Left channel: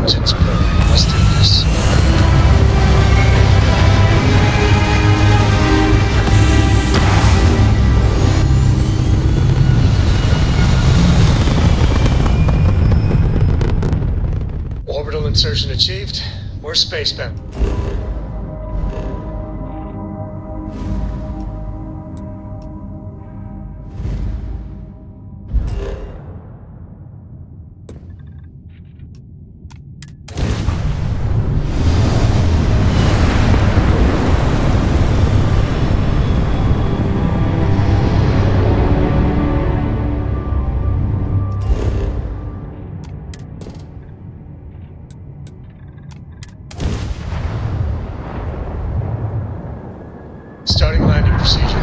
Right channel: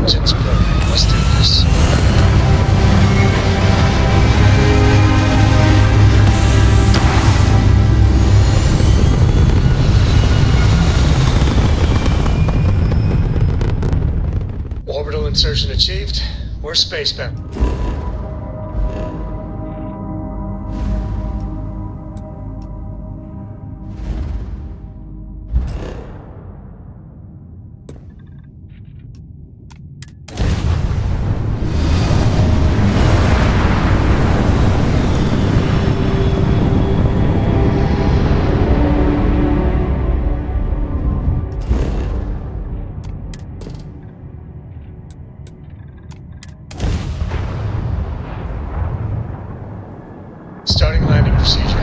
Engines purring. Let's do this. Orbital insertion achieved. We're spacebound. Starting landing procedure.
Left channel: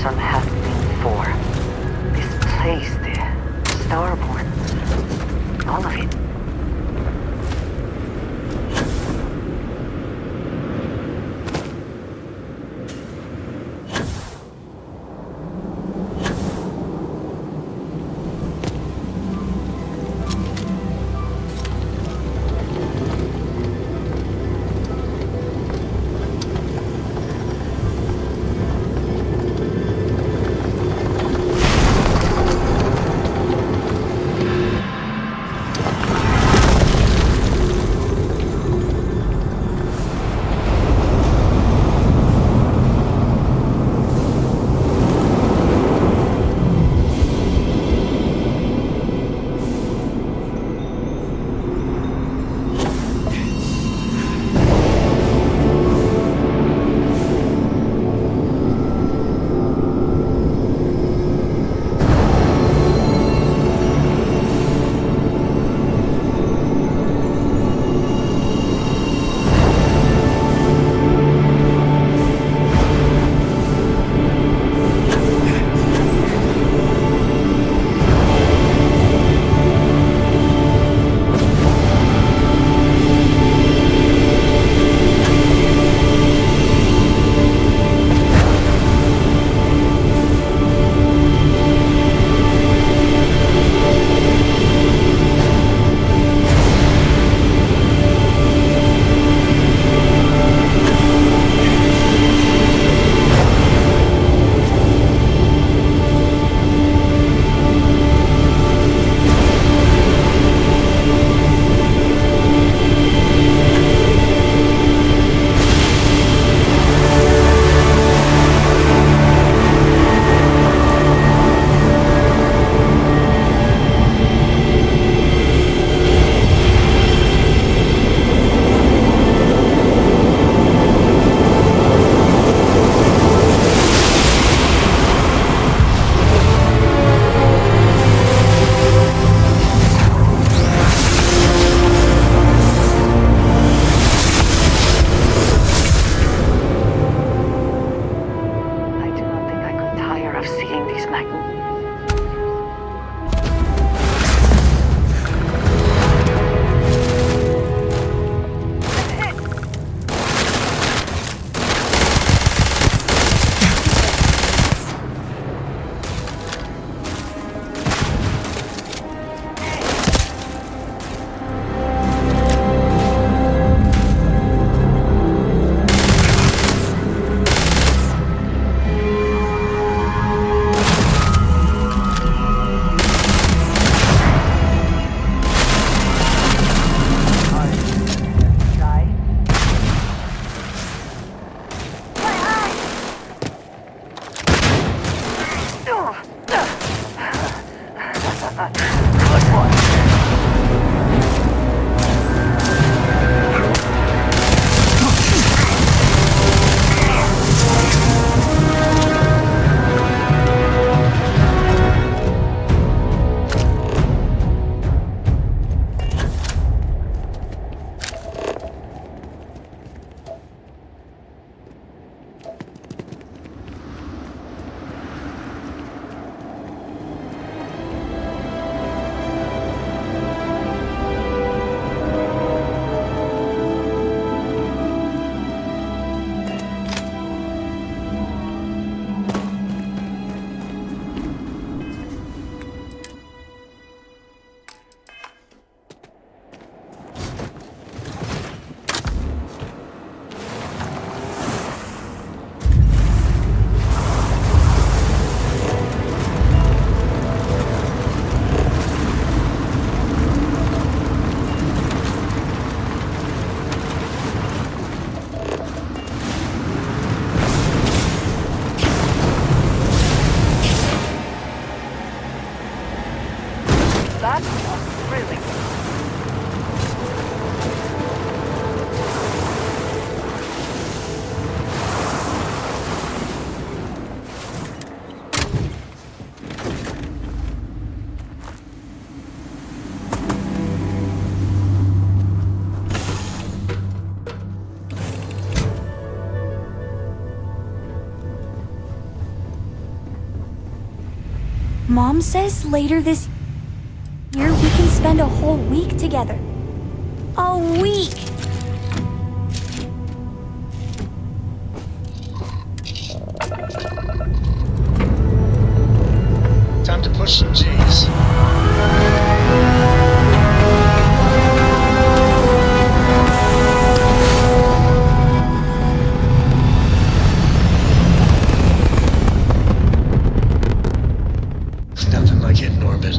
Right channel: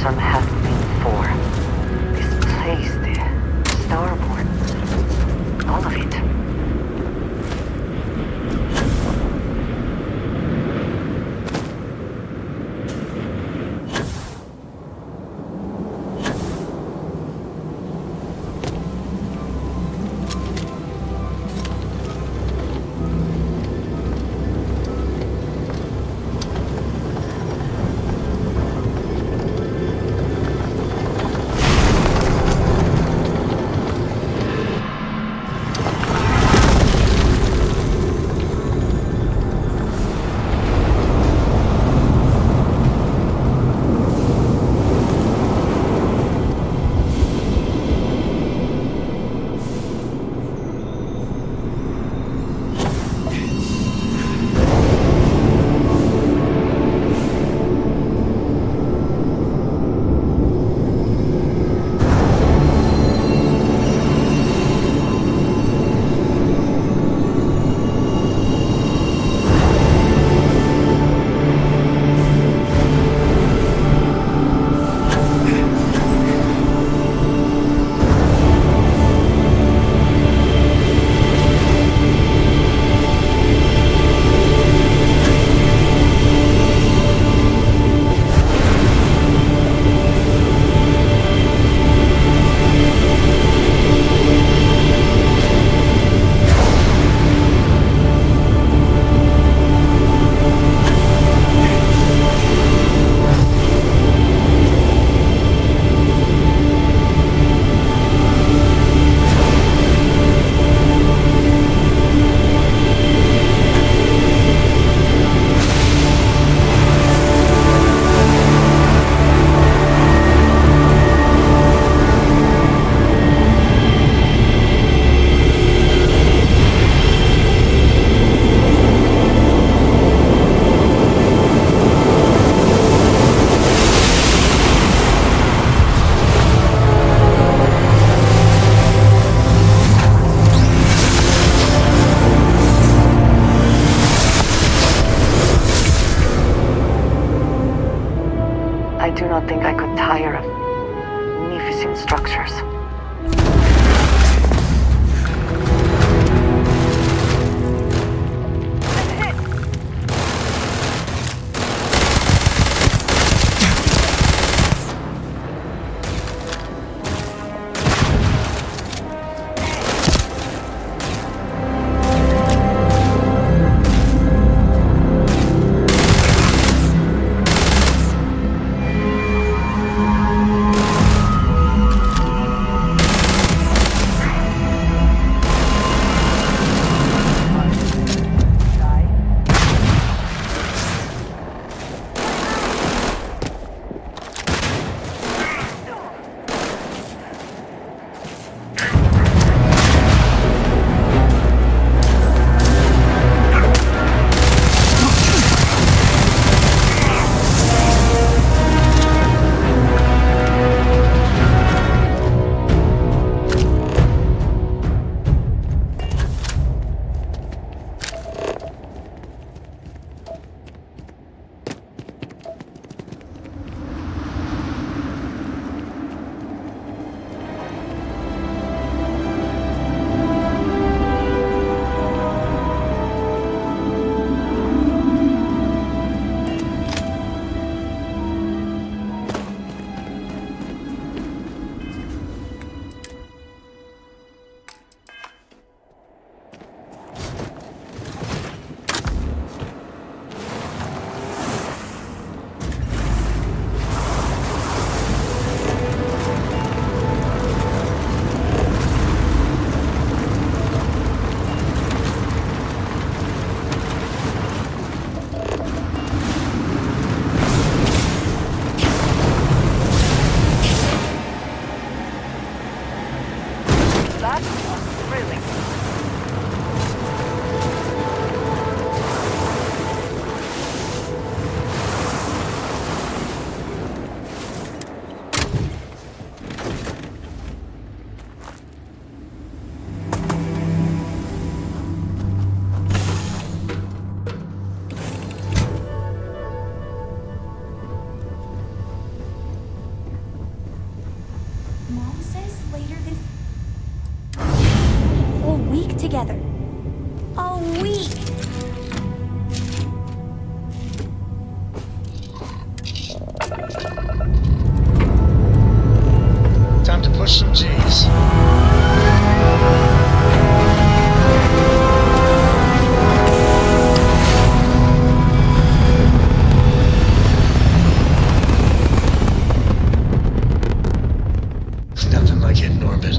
Has been for. This place, the Starborn, all of it. I do not think I could tire of seeing these magnificent structures. Mom says later this year we can spend a whole week together. A week! Time to push some G's. Nothing like hitting orbit.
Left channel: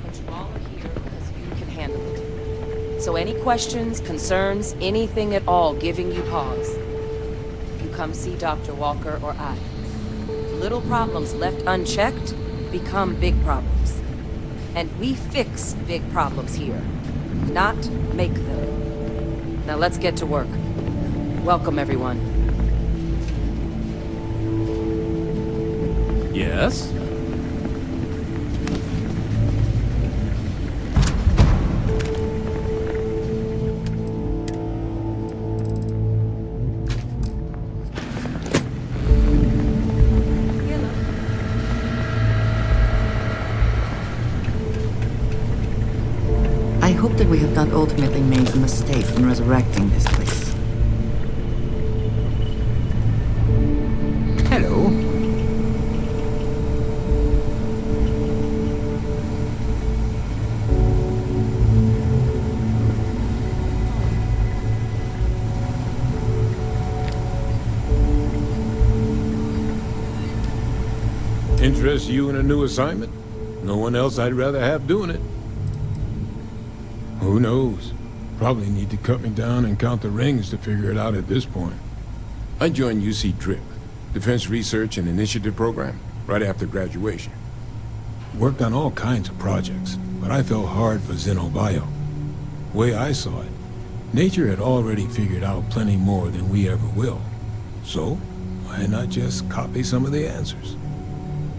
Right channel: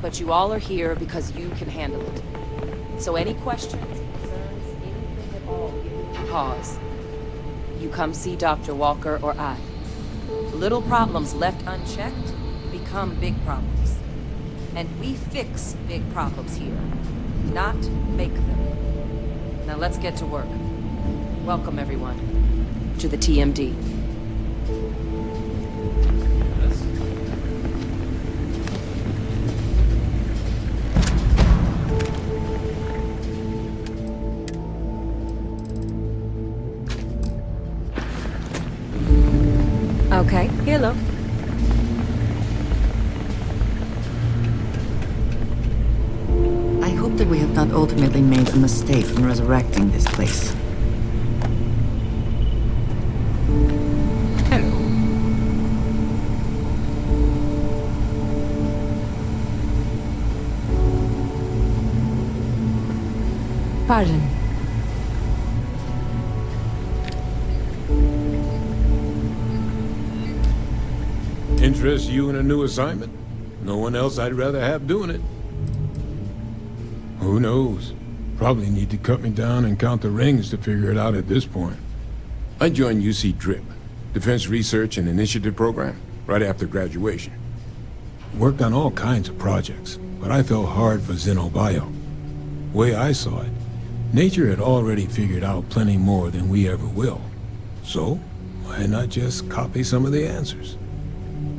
But you all are here because you can handle it. So any questions, concerns, anything at all giving you pause, you come see Dr. Walker or I. Little problems left unchecked become big problems. And we fix big problems here, not make them. Now let's get to work. Welcome, everyone, to the TMD. Yes? Okay, here, look. I hope that we have not ultimately made a mistake in resurrecting this place. Hello. Pardon. Interest you in a new assignment? No one else I'd rather have doing it. Who knows? Probably need to cut me down and count the rings to figure it out at this point. I joined UC DRIP, Defense Research and Initiative Program, right after graduation. Worked on all kinds of projects, but I fell hard for Xenobio. Way I saw it, nature had already figured out plenty more than we ever will. So, why not just copy some of the answers?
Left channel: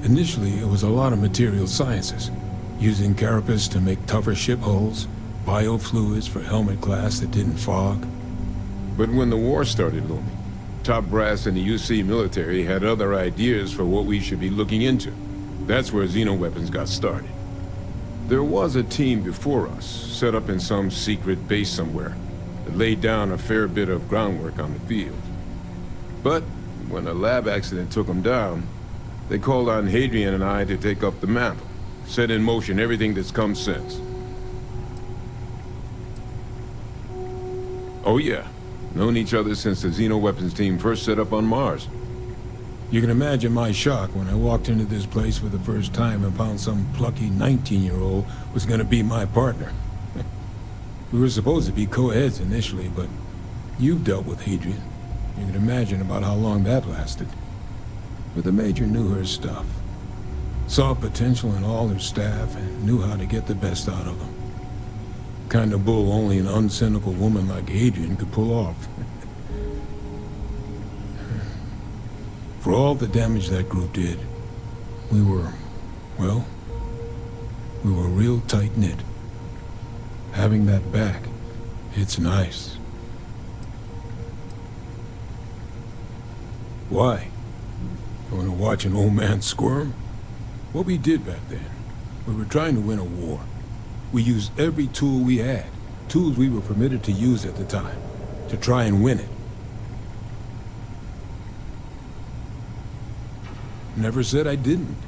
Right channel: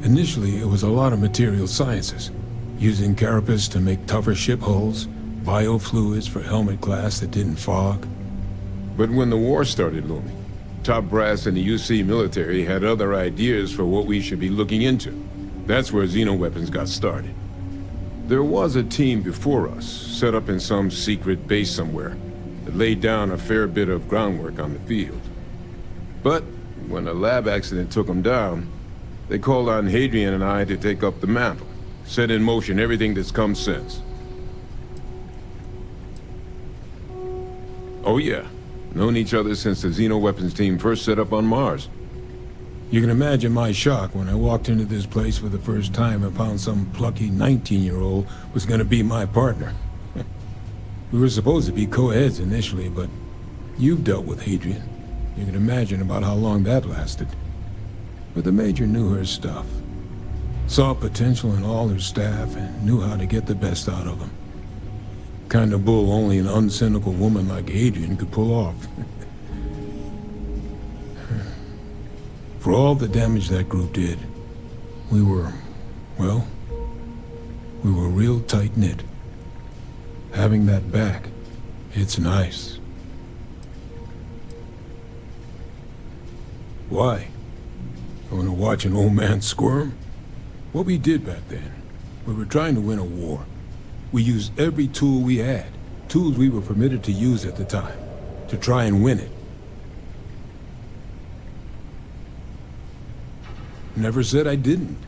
Initially, it was a lot of material sciences, using carapace to make tougher ship hulls, biofluids for helmet glass that didn't fog. But when the war started looming, top brass in the UC military had other ideas for what we should be looking into. That's where xenoweapons got started. There was a team before us, set up in some secret base somewhere, that laid down a fair bit of groundwork on the field. But when a lab accident took him down, they called on Hadrian and I to take up the mantle, set in motion everything that's come since. Oh yeah, known each other since the Xenoweapons team first set up on Mars. You can imagine my shock when I walked into this place for the first time and found some plucky 19-year-old was gonna be my partner. We were supposed to be co-eds initially, but you've dealt with Hadrian. You can imagine about how long that lasted. But the Major knew her stuff. Saw potential in all her staff and knew how to get the best out of them. Kind of bull only an uncynical woman like Hadrian could pull off. For all the damage that group did, we were real tight-knit. Having that back, it's nice. Why? You want to watch an old man squirm? What we did back then, we were trying to win a war. We used every tool we had, tools we were permitted to use at the time, to try and win it. Never said I didn't.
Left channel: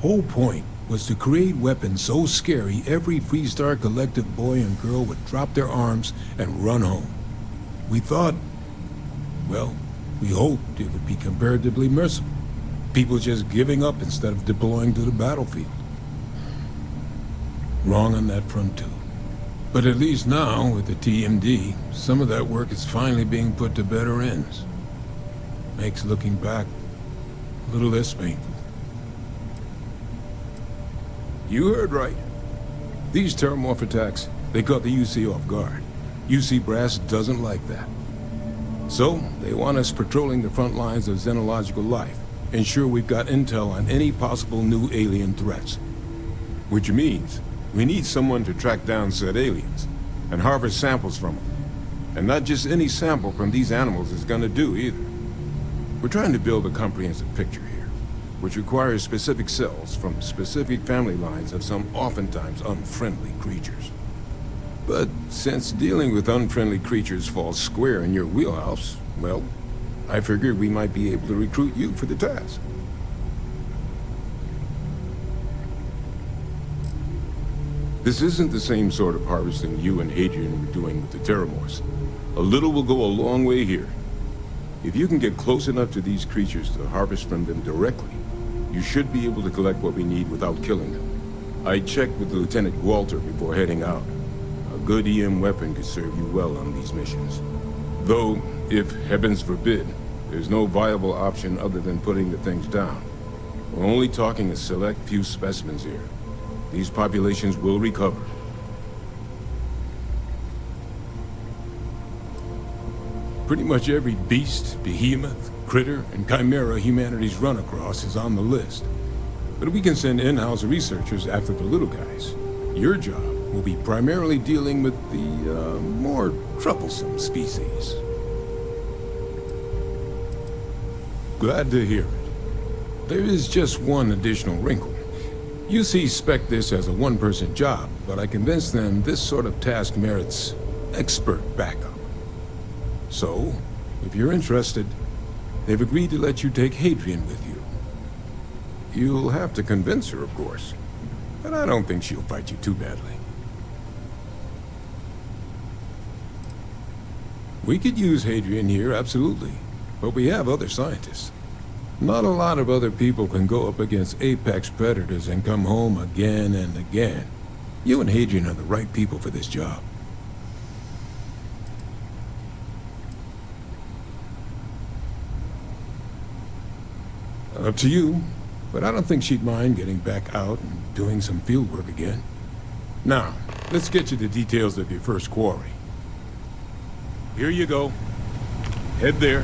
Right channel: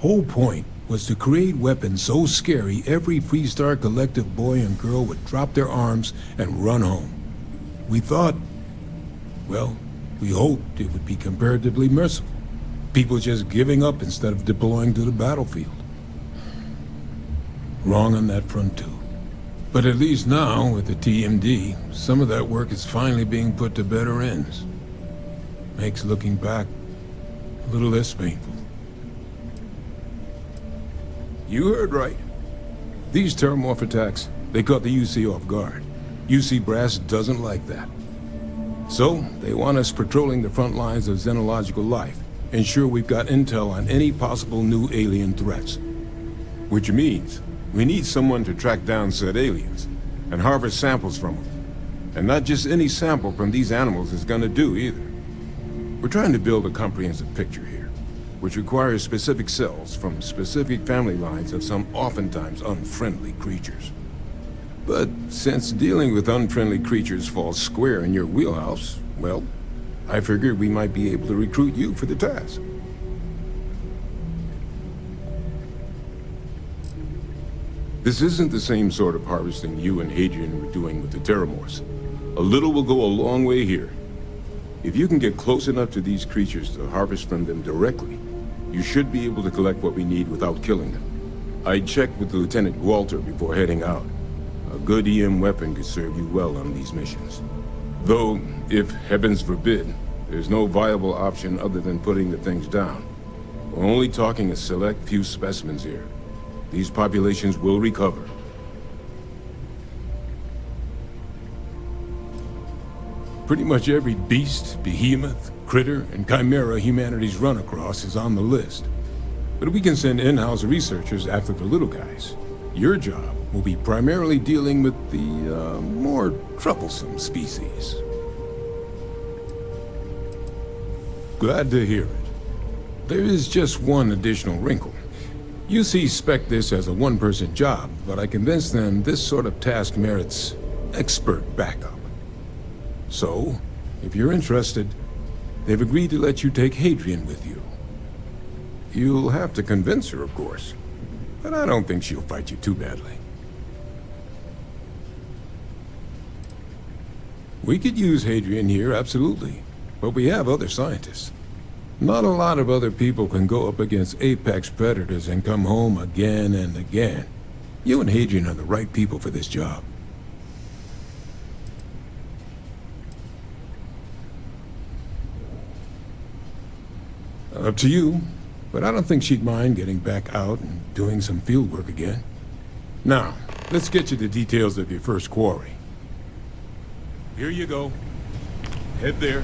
Whole point was to create weapons so scary every Freestar Collective boy and girl would drop their arms and run home. We thought, well, we hoped it would be comparatively merciful. People just giving up instead of deploying to the battlefield. Wrong on that front too. But at least now, with the TMD, some of that work is finally being put to better ends. Makes looking back a little less painful. You heard right. These terramorph attacks, they caught the UC off guard. UC Brass doesn't like that. So, they want us patrolling the front lines of xenological life, ensure we've got intel on any possible new alien threats. Which means, we need someone to track down said aliens, and harvest samples from them. And not just any sample from these animals is gonna do either. We're trying to build a comprehensive picture here, which requires specific cells from specific family lines of some oftentimes unfriendly creatures. But since dealing with unfriendly creatures falls square in your wheelhouse, well, I figured we might be able to recruit you for the task. This isn't the same sort of harvesting you and Hadrian were doing with the Terramorphs. A little will go a long way here. If you can get close enough to these creatures to harvest from them directly, you should be able to collect what we need without killing them. I checked with Lieutenant Walter before heading out. A good EM weapon could serve you well on these missions. Though, if heavens forbid, there's no viable option other than putting the things down. We're only talking a select few specimens here. These populations will recover. Pretty much every beast, behemoth, critter, and chimera humanity's run across is on the list. But we can send in-house researchers after the little guys. Your job will be primarily dealing with the, more troublesome species. Glad to hear it. There is just one additional wrinkle. UC spec'd this as a one-person job, but I convinced them this sort of task merits expert backup. So, if you're interested, they've agreed to let you take Hadrian with you. You'll have to convince her, of course, but I don't think she'll fight you too badly. We could use Hadrian here, absolutely, but we have other scientists. Not a lot of other people can go up against apex predators and come home again and again. You and Hadrian are the right people for this job. Up to you, but I don't think she'd mind getting back out and doing some field work again. Now, let's get you the details of your first quarry. Here you go. Head there,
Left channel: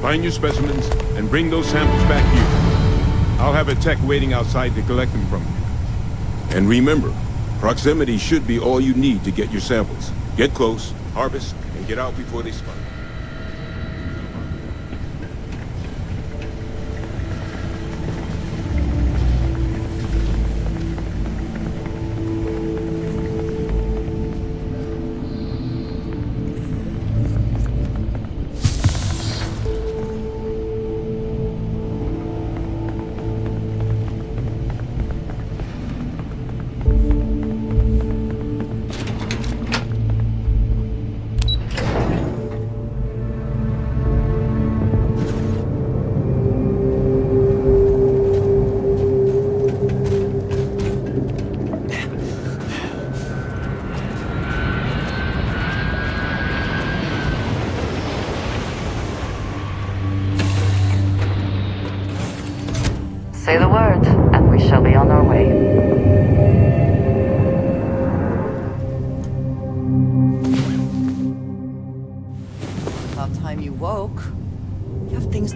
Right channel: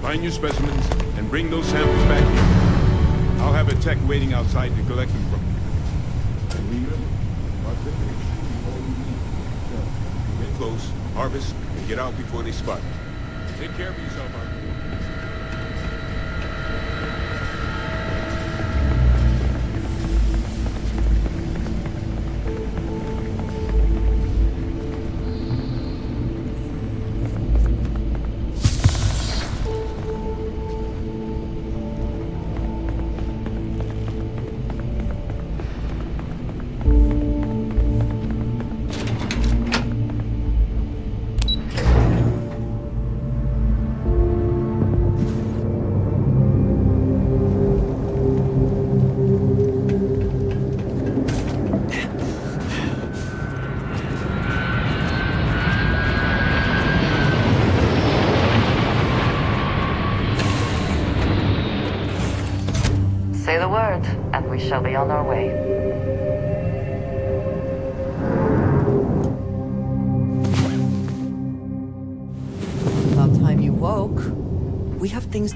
find your specimens, and bring those samples back here. I'll have a tech waiting outside to collect them from you. And remember, proximity should be all you need to get your samples. Get close, harvest, and get out before they spot you. Take care of yourself, Hunter. shall be on our way. About time you woke. We have things...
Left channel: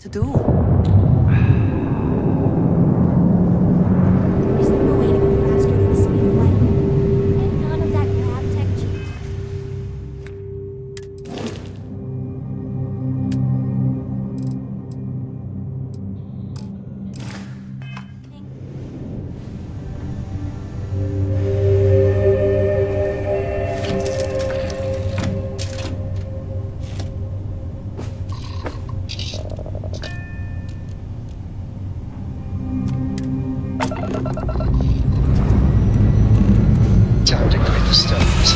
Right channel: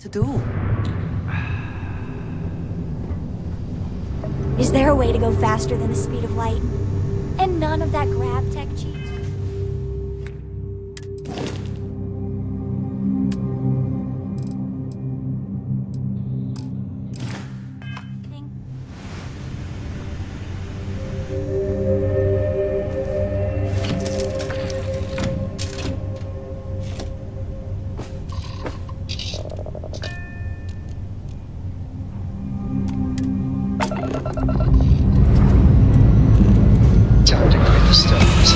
to do. Is there a way to go faster than the speed of light? And none of that grab tech cheat? Time to grade the stars.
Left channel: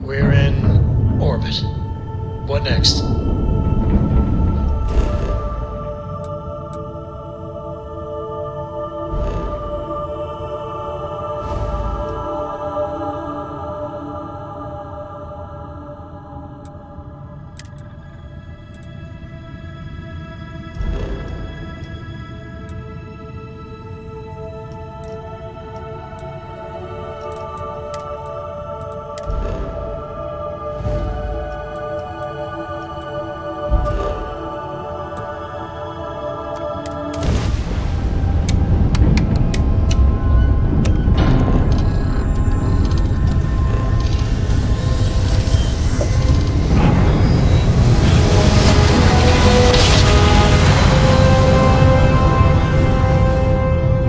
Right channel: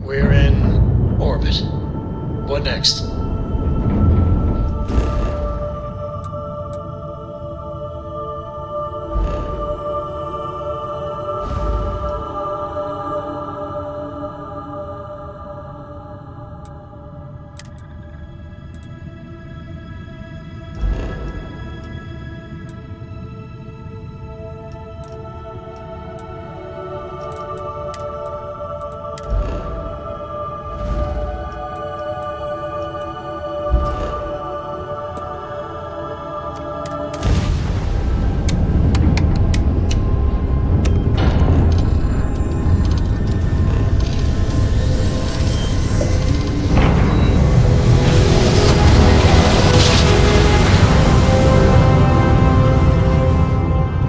We're in orbit. What next?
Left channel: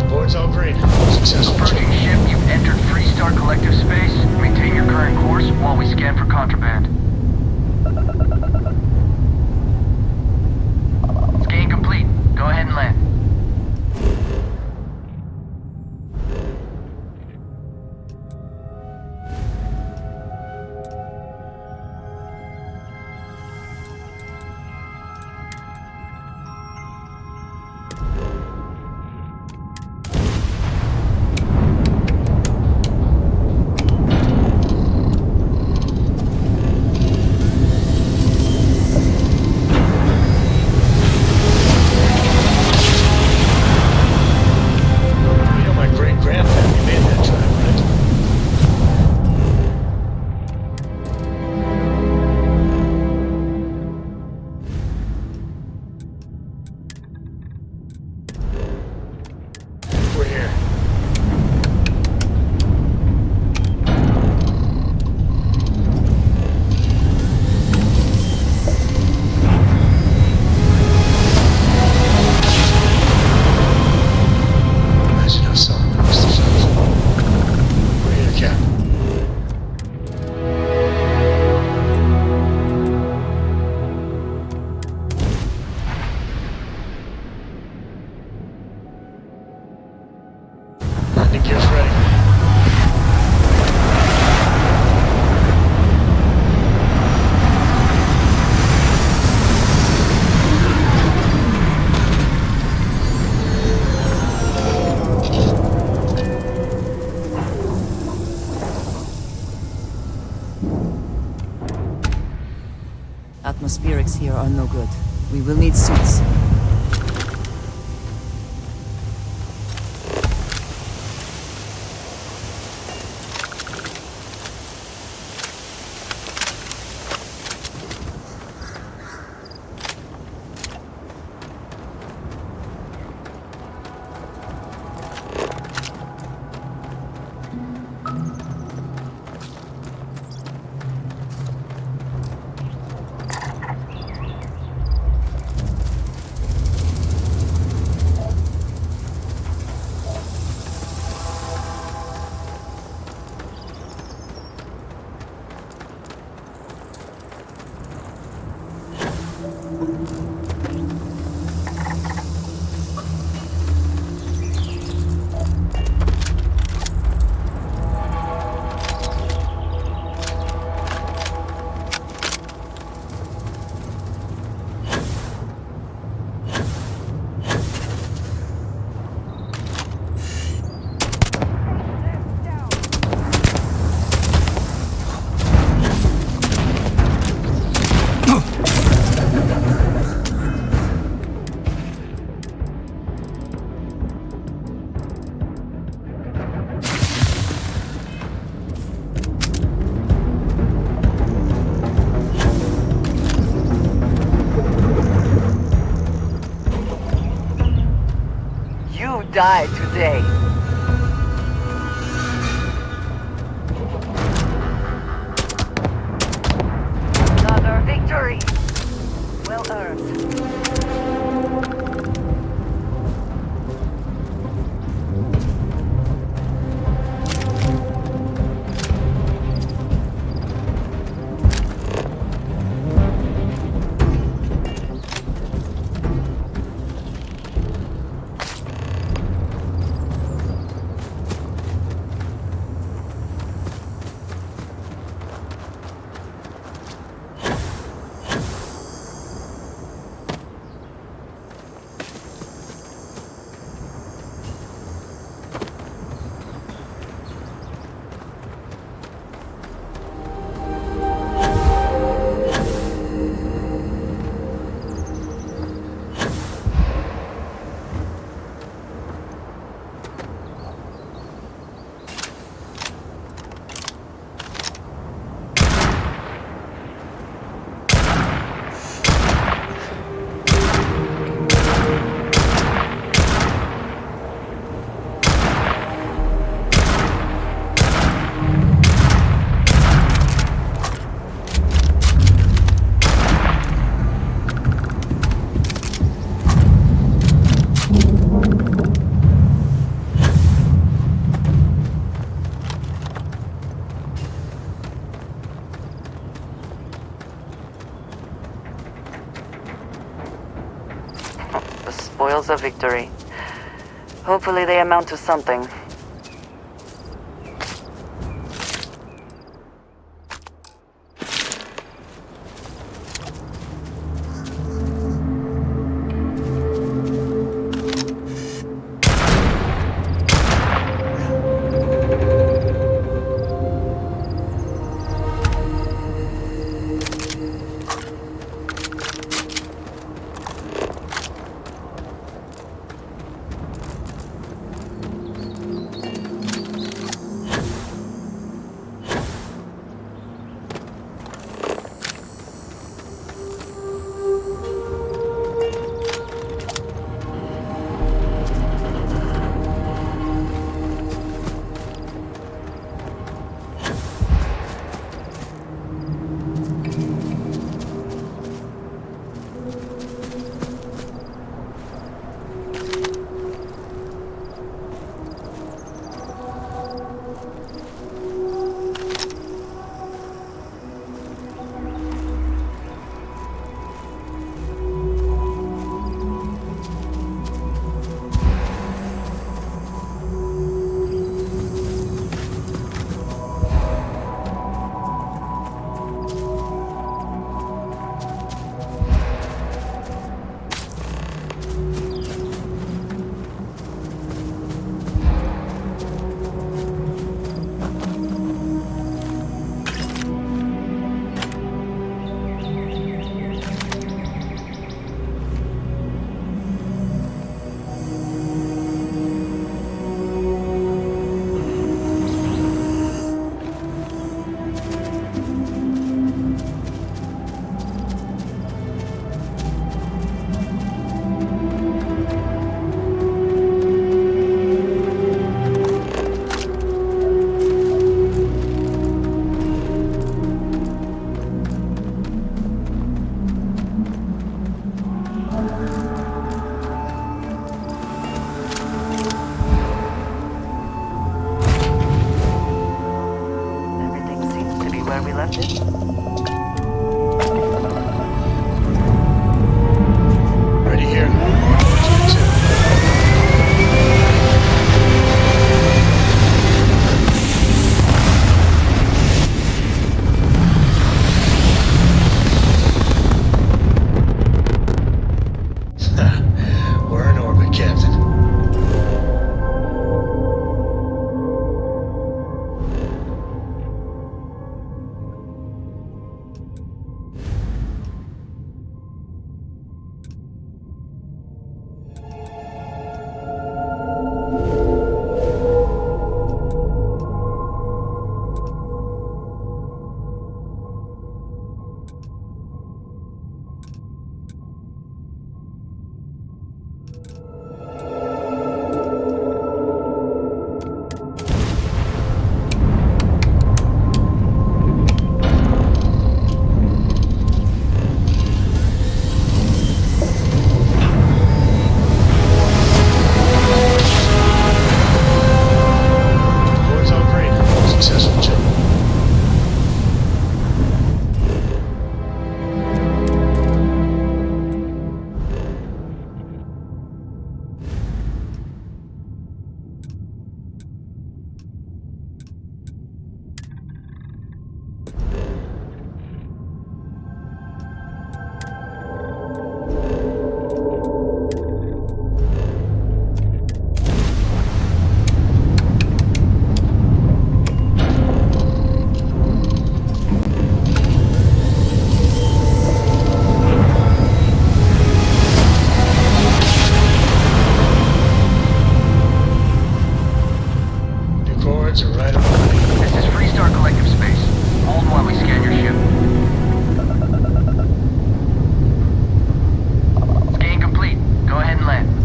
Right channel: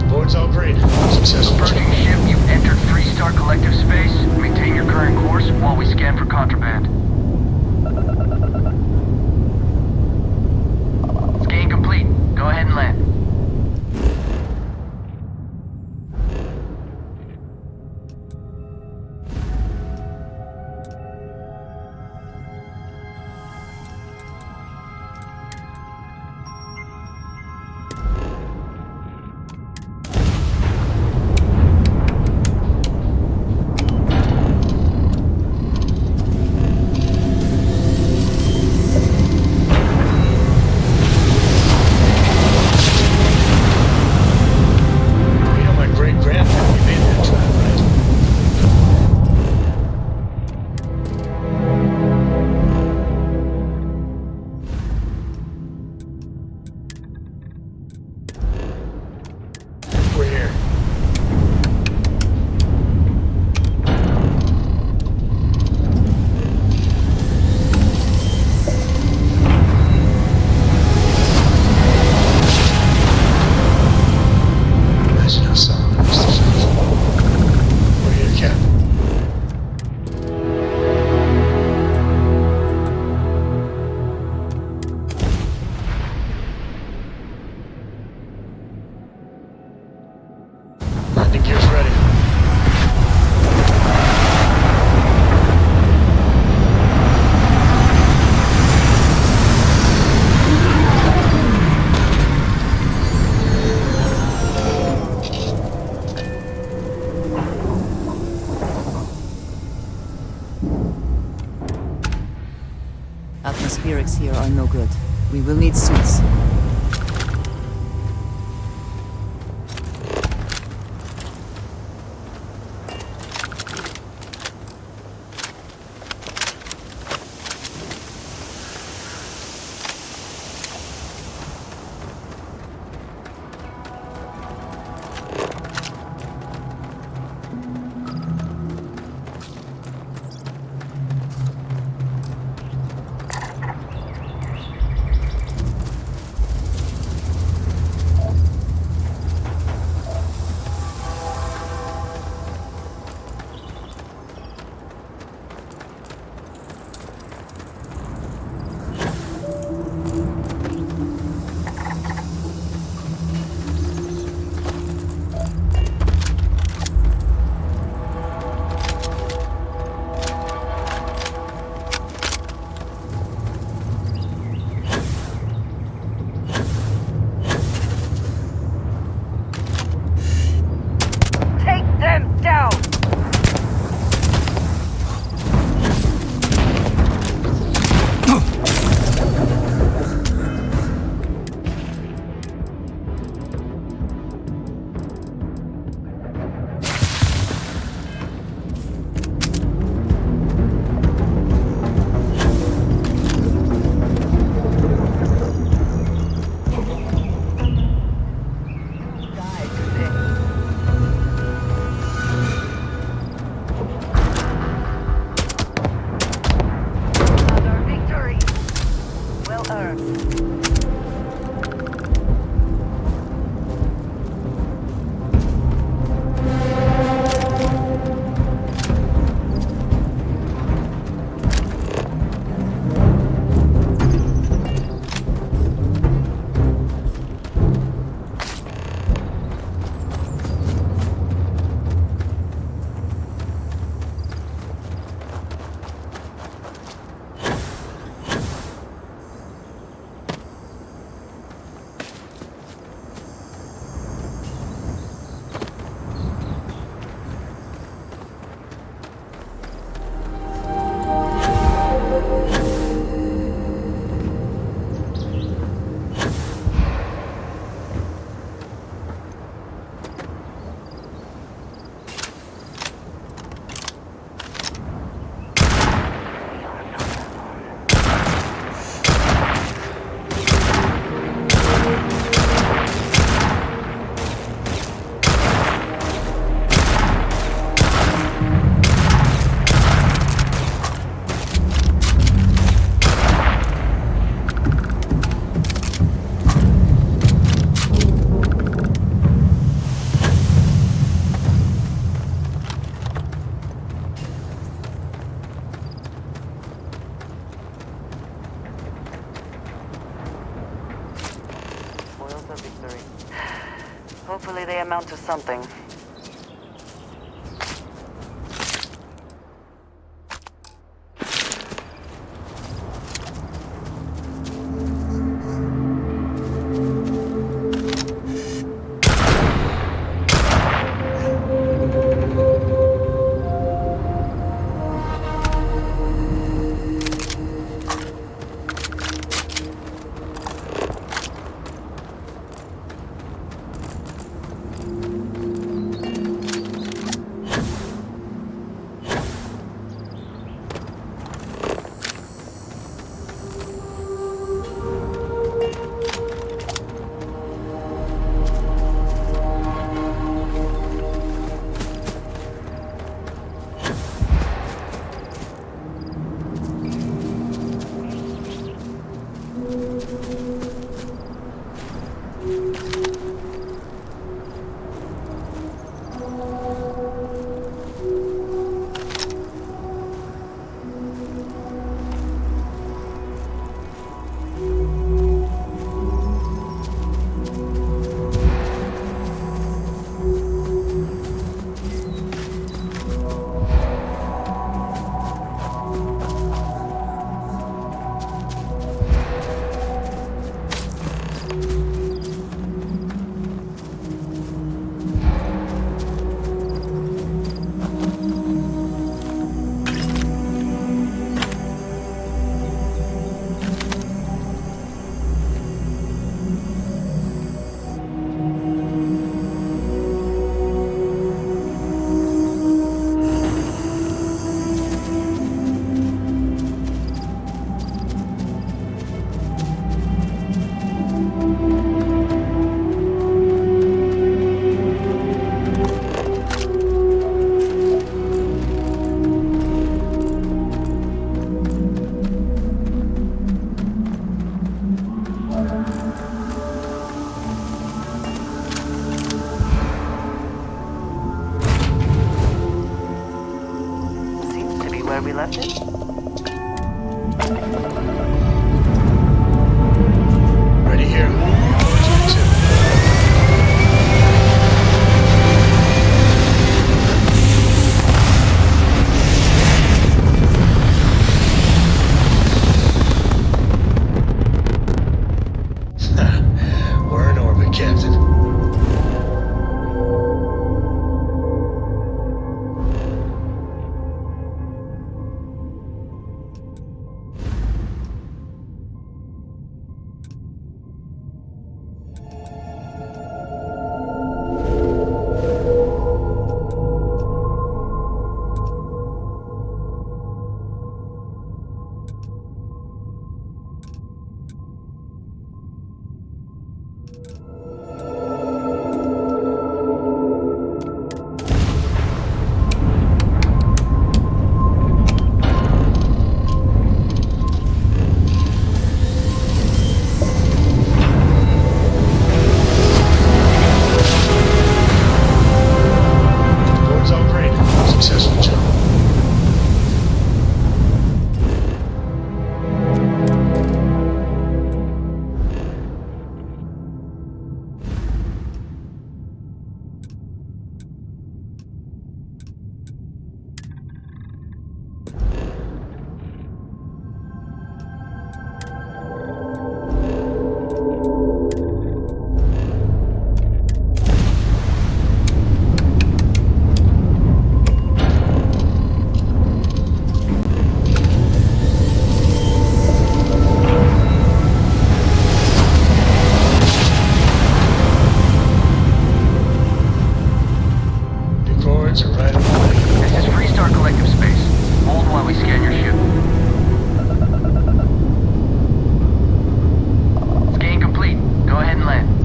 Board's all green. Successful Approaching job. ship, you've entered Freestar Collective Space. Maintain your current course while we scan for contraband. Scan complete. Go ahead and land. You know my great-grandpappy made that drive, right? We're here. Imagine how Solomon must have felt. We're here, Cap. Landing gear's ready. Atmospherics here are no good. We will need suits. You die today. Another victory. Well earned. Spoils of victory. Hopefully they amount to something. Where we left it? Ready here. 2. We're in orbit, Captain. coordinates are right on the money. This is Freestar Collective Space. Hold while we scan your ship. Scan complete. Go ahead and land.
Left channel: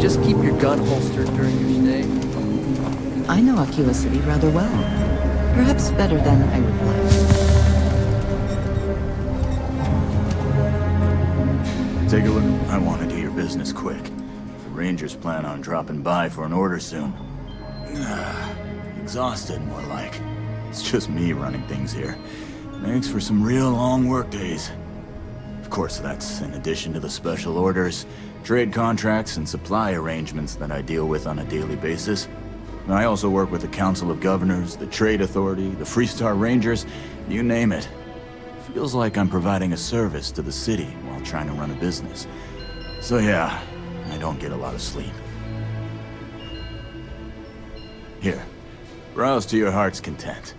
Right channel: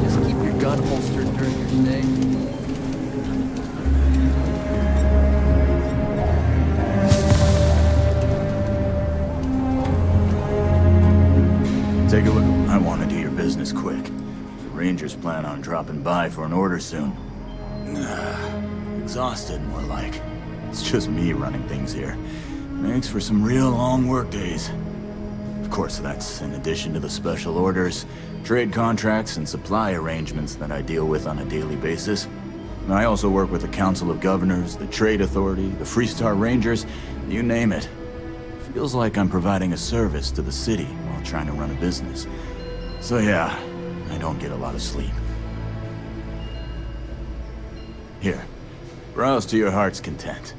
Just keep your gun holstered during your stay. I know Aquila City rather well. Perhaps better than I realized. Take a look. I want to do your business quick. The Rangers plan on dropping by for an order soon. Exhausted, more like. It's just me running things here. Makes for some real long work days. Of course, that's in addition to the special orders, trade contracts, and supply arrangements that I deal with on a daily basis. I also work with the Council of Governors, the Trade Authority, the Freestar Rangers, you name it. Feels like I'm providing a service to the city while trying to run a business. So yeah, I don't get a lot of sleep. Here, browse to your heart's content.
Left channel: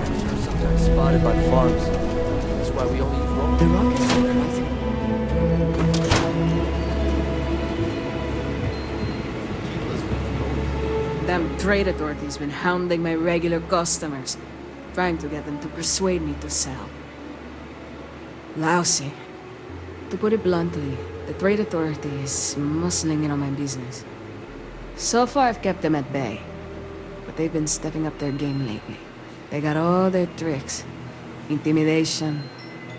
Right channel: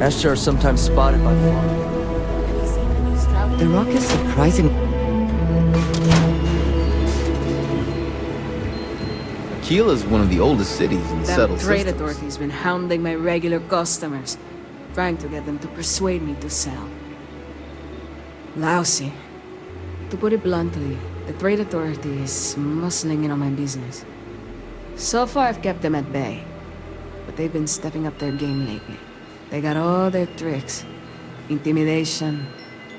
Asher are sometimes spotted by the farms. That's why we always have The rock is surprising. Aquila's one of the oldest cities in the Them settled trade systems. authorities been hounding my regular customers, trying to get them to persuade me to sell. Lousy. To put it bluntly, the trade authority is muscling in on my business. So far, I've kept them at bay, but they've been stepping up their game lately. They got all their tricks. Intimidation,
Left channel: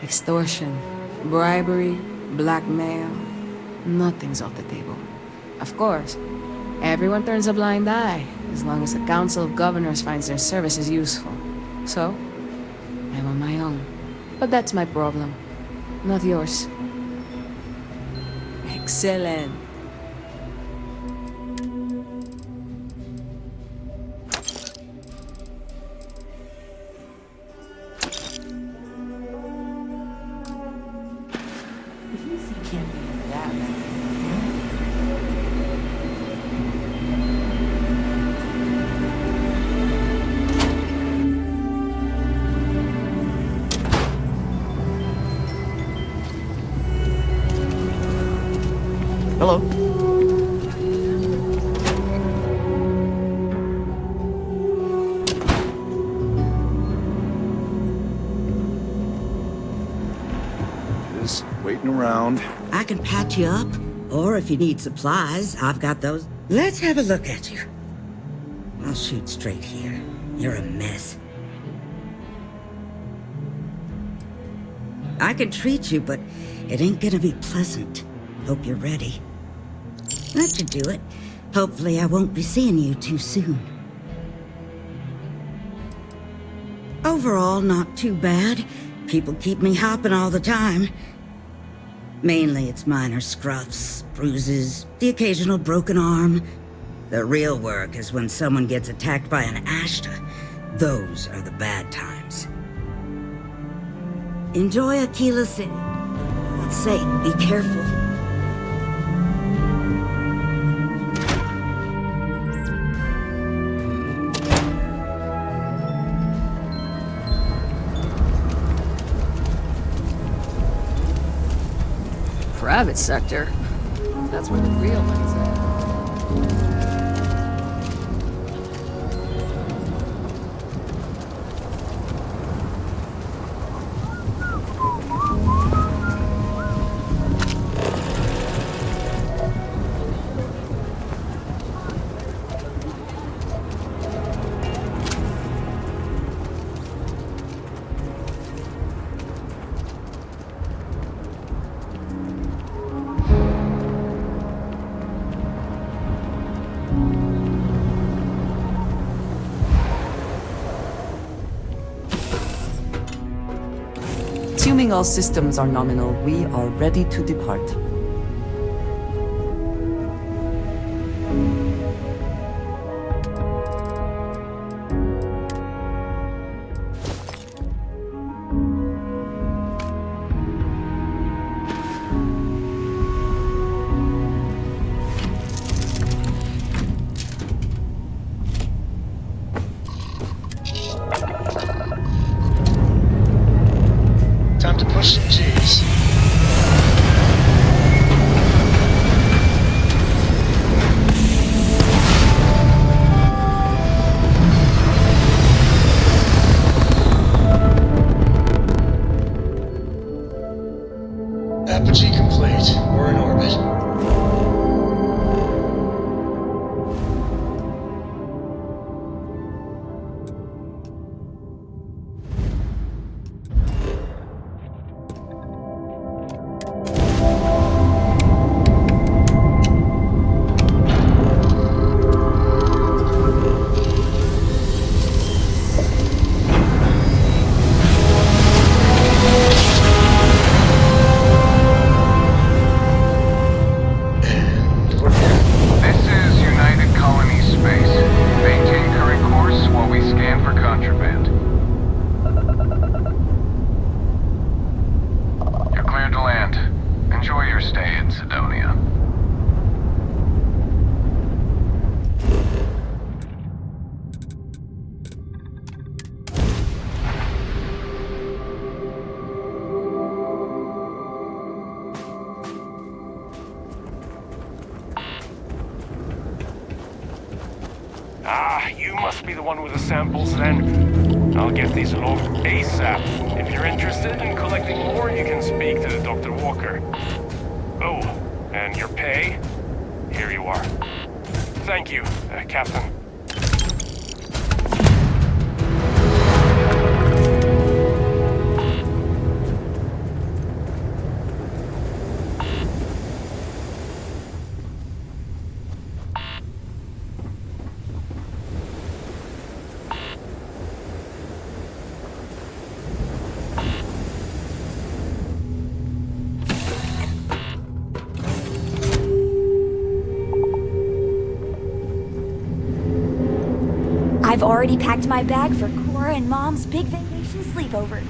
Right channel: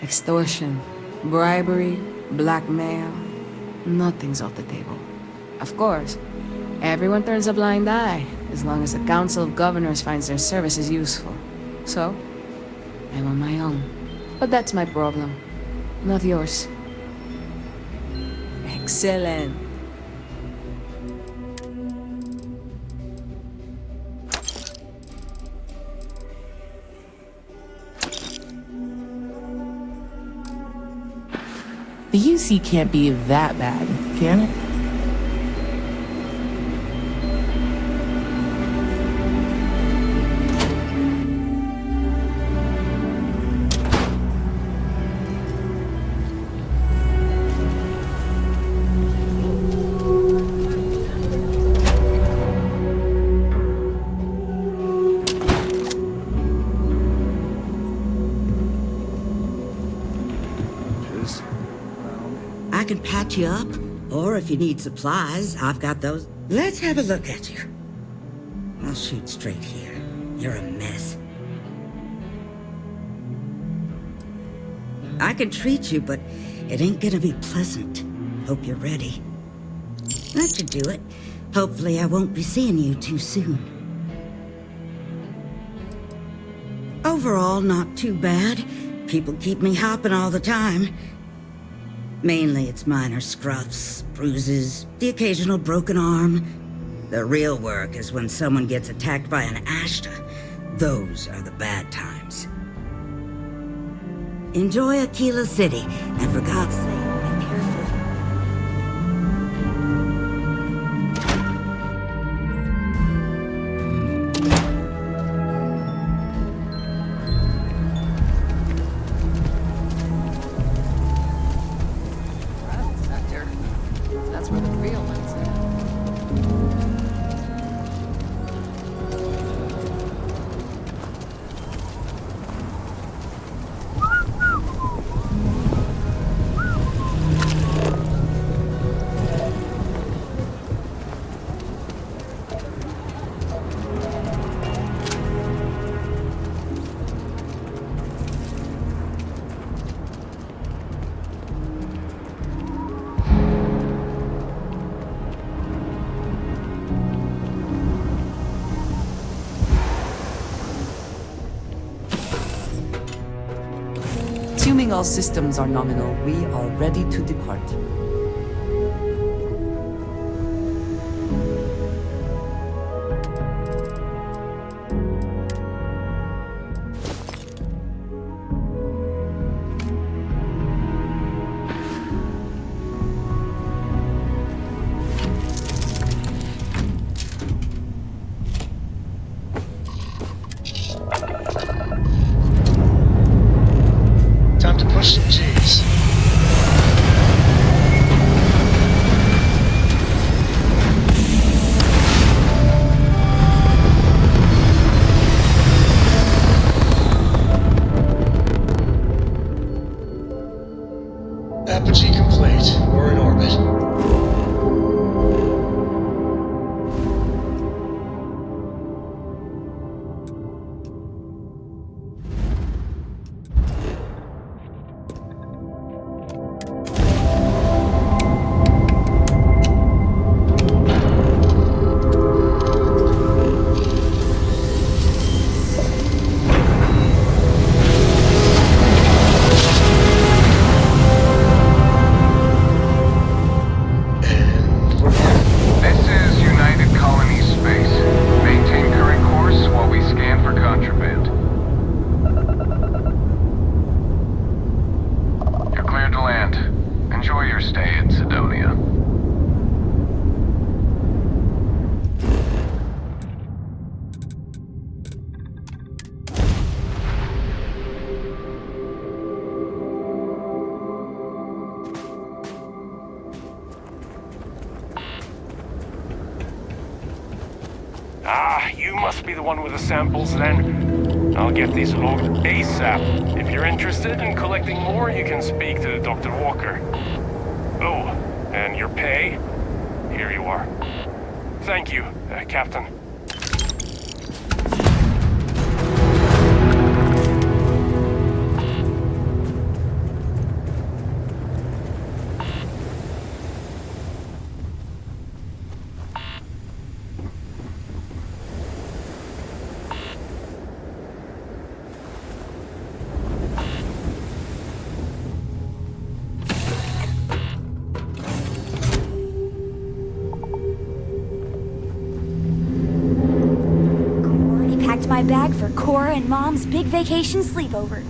extortion, bribery, blackmail. Nothing's off the table. Of course, everyone turns a blind eye as long as the Council of Governors finds their services useful. So, I'm on my own. But that's my problem, not yours. Excellent. The UC can't be that bad, can it? Hello. Just waiting around. I can patch you up, or if you need supplies, I've got those. Let's have a look at you. I'll shoot straight here. You're a mess. I can treat you, but it ain't gonna be pleasant. Hope you're ready. That should do it. Hopefully I won't be seeing you too soon. Overall, not too bad. People keep me hopping all the time. Mainly it's minor scruffs, bruises, the occasional broken arm. The real work is when someone gets attacked by an Ashta. Those are the bad times. Enjoy Aquila City, and for God's sake, be careful. private sector. That's where the real money's at. Assuming all systems are nominal, we are ready to depart. Time to push some G's. Apogee complete. We're in orbit. You must be the one with the samples then. I'll get these logged ASAP. If you're interested in collecting more, you can speak to Dr. Walker. Oh, and your pay? Here you are. Thank you, Captain. I've already packed my bag for Cora and Mom's big vacation sleepover.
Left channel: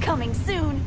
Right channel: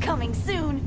Coming soon.